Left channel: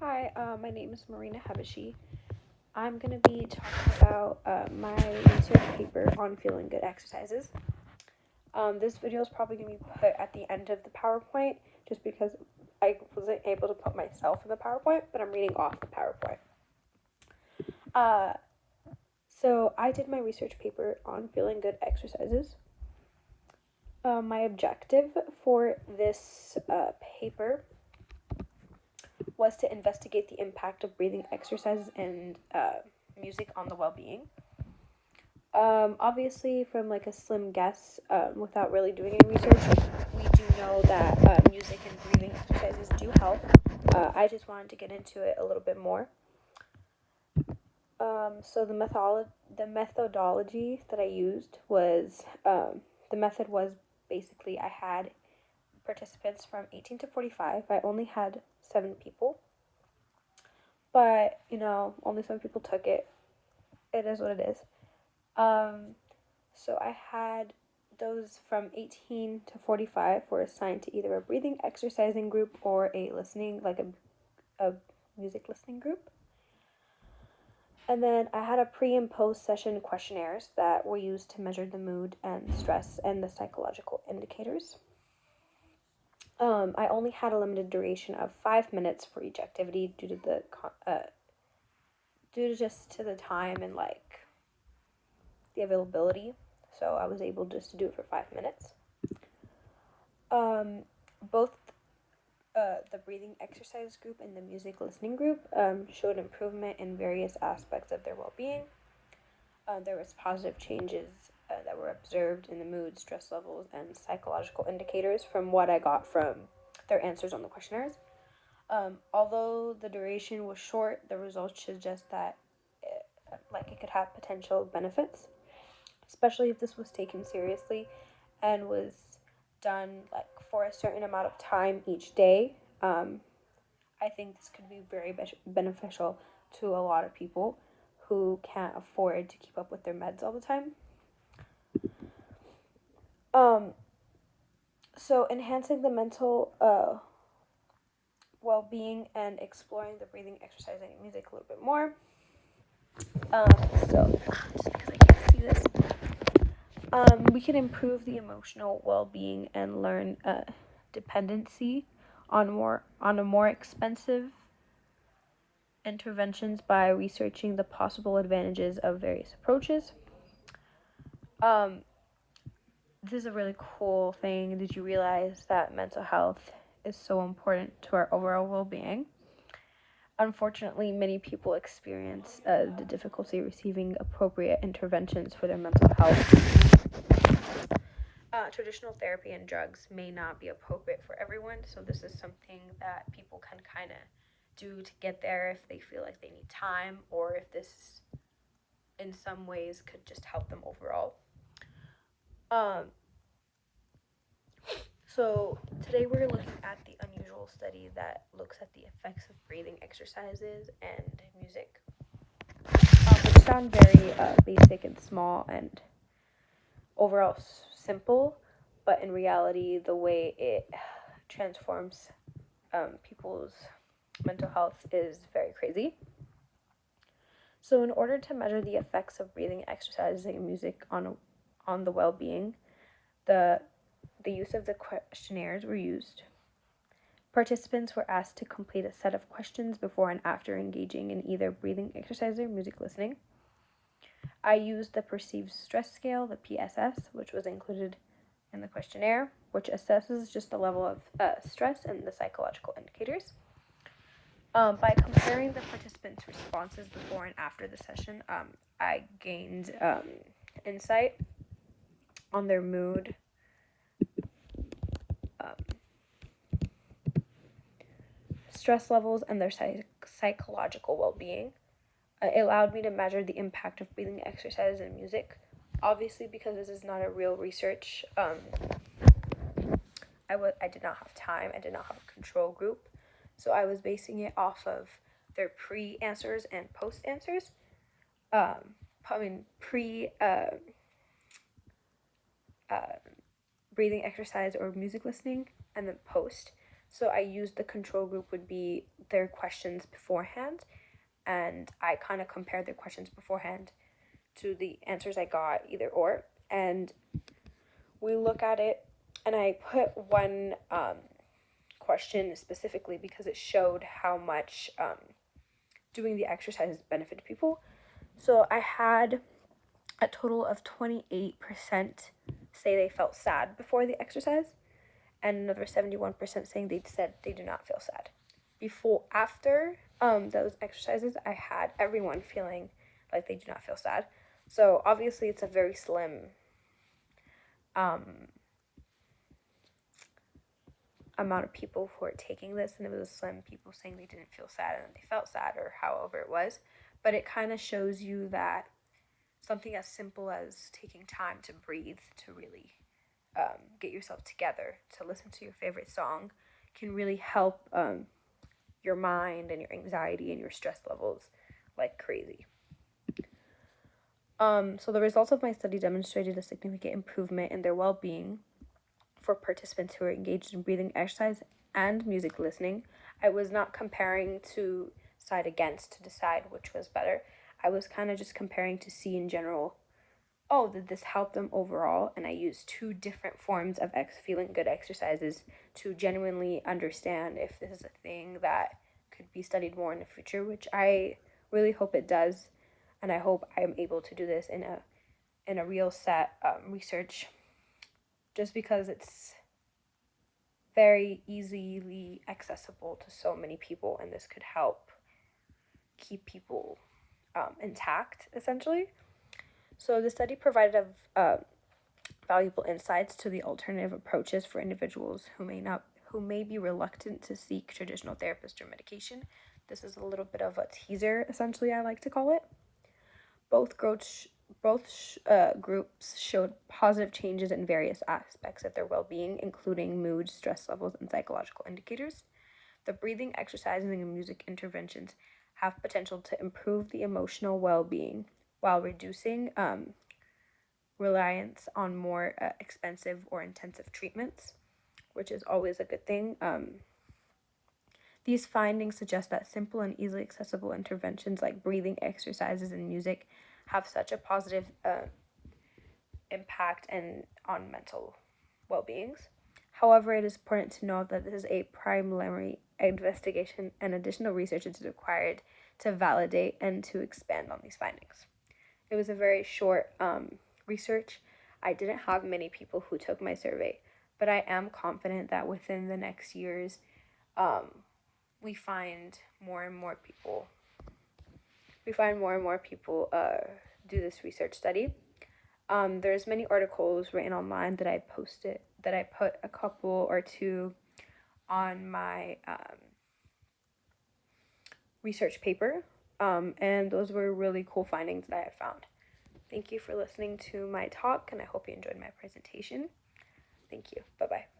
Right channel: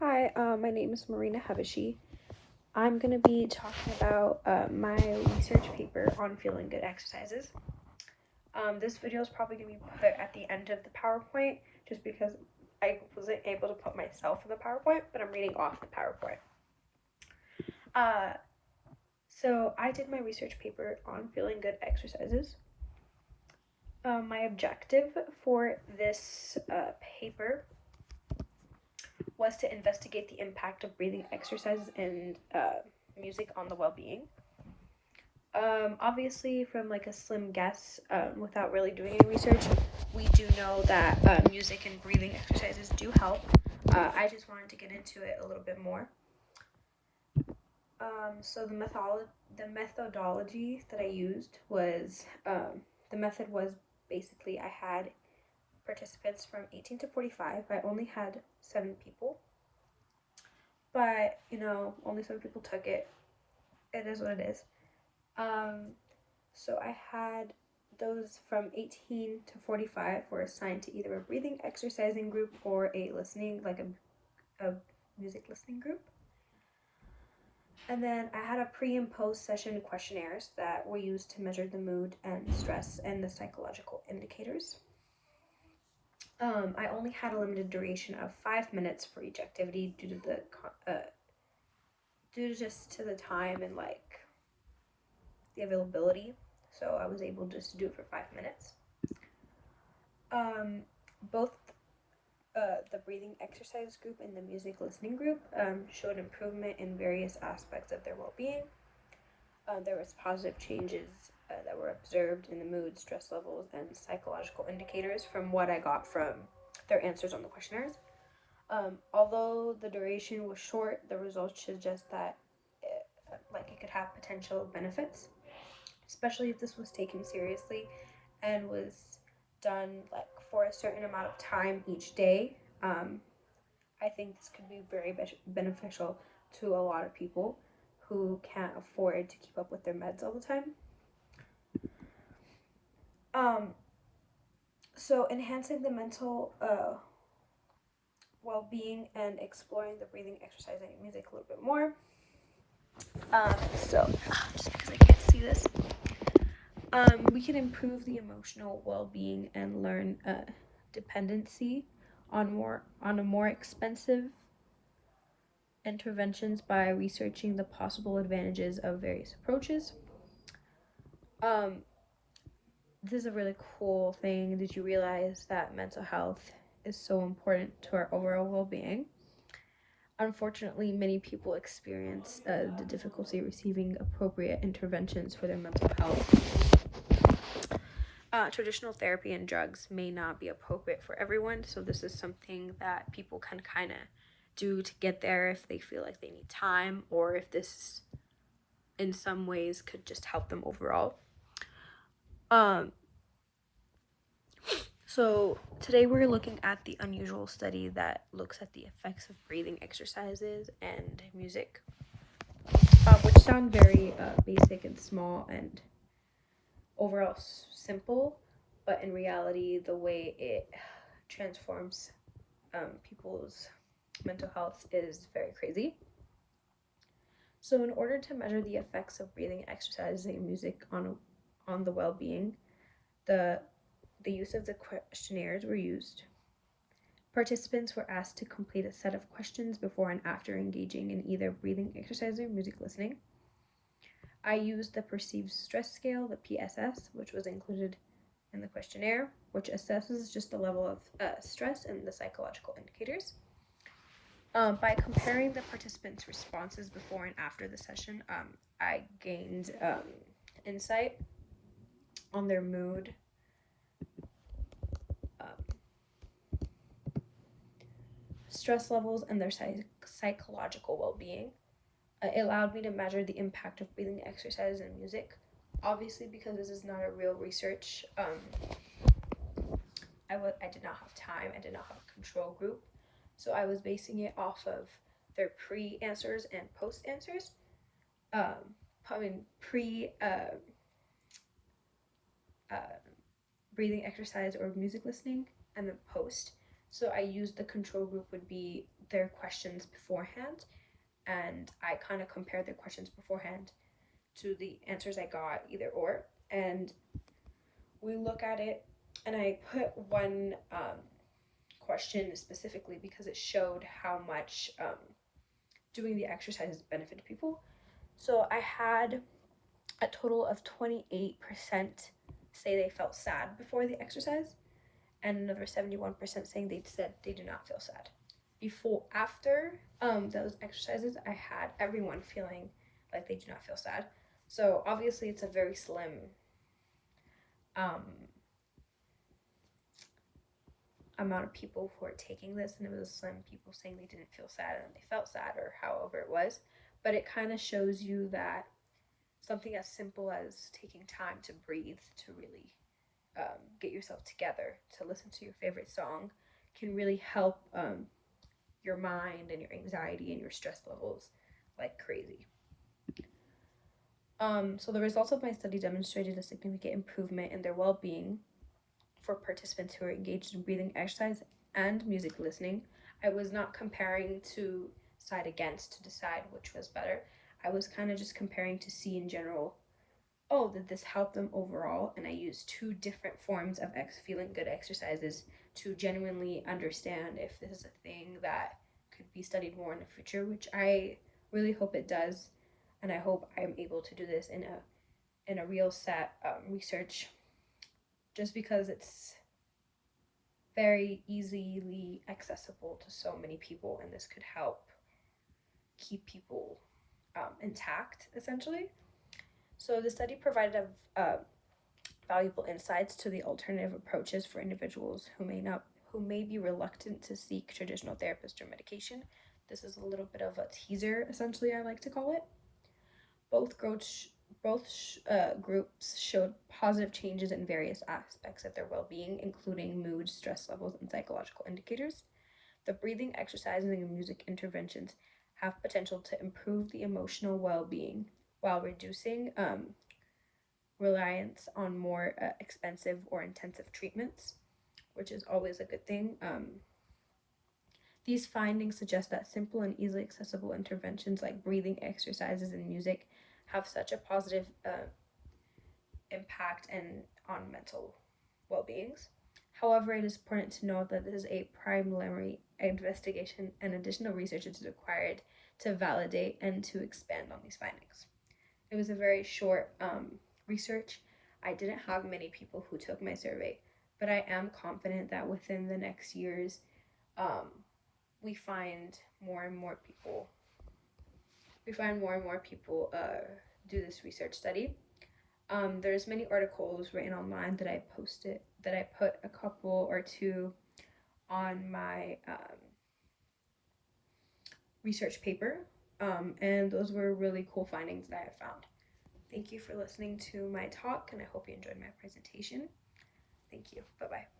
Hi, my name is Marina Habashi. I'm going to be talking about my research paper on feeling good exercises. This video is probably going to be put at the end of the PowerPoint just because I wasn't able to put myself in the PowerPoint, but I'm reading off the PowerPoint. So I did my research paper on feeling good exercises. My objective for this paper was to investigate the impact of breathing exercises and music on the well-being. Obviously, from like a slim guess, without really doing any research, we do know that music and breathing exercises do help. I just wanted to get into it a little bit more. So the methodology that I used was the method was basically I had participants from 18 to 45. I only had 7 people, but only 7 people took it. It is what it is. So I had those from 18 to 45 were assigned to either a breathing exercising group or a listening, like a music listening group. And then I had a pre and post session questionnaires that were used to measure the mood and stress and the psychological indicators. I only had a limited duration of 5 minutes for each activity due to just to the time and like the availability. So I was able just to do it for 5 minutes. Both the breathing exercise group and the music listening group showed improvement in various aspects of their well-being. There was positive changes that were observed in the mood, stress levels, and psychological indicators from what I got from their answers on the questionnaires. Although the duration was short, the results suggest that it could have potential benefits, especially if this was taken seriously and was done like for a certain amount of time each day. I think this could be very beneficial to a lot of people who can't afford to keep up with their meds all the time. So enhancing the mental well-being and exploring the breathing, exercising, and music a little bit more. So just because I can't see this, we can improve the emotional well-being and learn dependency on a more expensive interventions by researching the possible advantages of various approaches. This is a really cool thing. Did you realize that mental health is so important to our overall well-being? Unfortunately, many people experience the difficulty receiving appropriate interventions for their mental health. Traditional therapy and drugs may not be appropriate for everyone, so this is something that people can kind of do to get there if they feel like they need time, or if this in some ways could just help them overall. So today we're looking at the unusual study that looks at the effects of breathing exercises and music, which sound very basic and small and overall simple, but in reality the way it transforms people's mental health is very crazy. So in order to measure the effects of breathing exercises and music on the well-being, the use of the questionnaires were used. Participants were asked to complete a set of questions before and after engaging in either breathing exercise or music listening. I used the perceived stress scale, the PSS, which was included in the questionnaire, which assesses just the level of stress and the psychological indicators. By comparing the participants' responses before and after the session, I gained insight on their mood, stress levels, and their psychological well-being. It allowed me to measure the impact of breathing exercises and music. Obviously, because this is not a real research, I did not have time. I did not have a control group, so I was basing it off of their pre-answers and post-answers. Pre breathing exercise or music listening, and then post. So I used the control group would be their questions beforehand, and I kind of compared their questions beforehand to the answers I got, either or. And we look at it, and I put one question specifically because it showed how much doing the exercises benefited people. So I had a total of 28% say they felt sad before the exercise, and another 71% saying they said they do not feel sad. After those exercises, I had everyone feeling like they do not feel sad. So obviously it's a very slim amount of people who are taking this, and it was a slim people saying they didn't feel sad and they felt sad, or however it was. But it kind of shows you that something as simple as taking time to breathe, to really get yourself together, to listen to your favorite song, can really help your mind and your anxiety and your stress levels like crazy. So the results of my study demonstrated a significant improvement in their well-being for participants who are engaged in breathing exercise and music listening. I was not comparing to side against to decide which was better. I was kind of just comparing to see in general, oh, did this help them overall? And I used two different forms of feeling good exercises to genuinely understand if this is a thing that could be studied more in the future, which I really hope it does. And I hope I'm able to do this in a real set research, just because it's very easily accessible to so many people, and this could help keep people intact, essentially. So the study provided valuable insights to the alternative approaches for individuals who may be reluctant to seek traditional therapist or medication. This is a little bit of a teaser, essentially, I like to call it. Both groups showed positive changes in various aspects of their well-being, including mood, stress levels, and psychological indicators. The breathing exercises and music interventions have potential to improve the emotional well-being while reducing reliance on more expensive or intensive treatments, which is always a good thing. These findings suggest that simple and easily accessible interventions like breathing exercises and music have such a positive impact on mental well-beings. However, it is important to note that this is a preliminary investigation, and additional research is required to validate and to expand on these findings. It was a very short research. I didn't have many people who took my survey, but I am confident that within the next years, we find more and more people do this research study. There's many articles written online that I put a couple or two on my research paper, and those were really cool findings that I found. Thank you for listening to my talk, and I hope you enjoyed my presentation. Thank you. Bye-bye.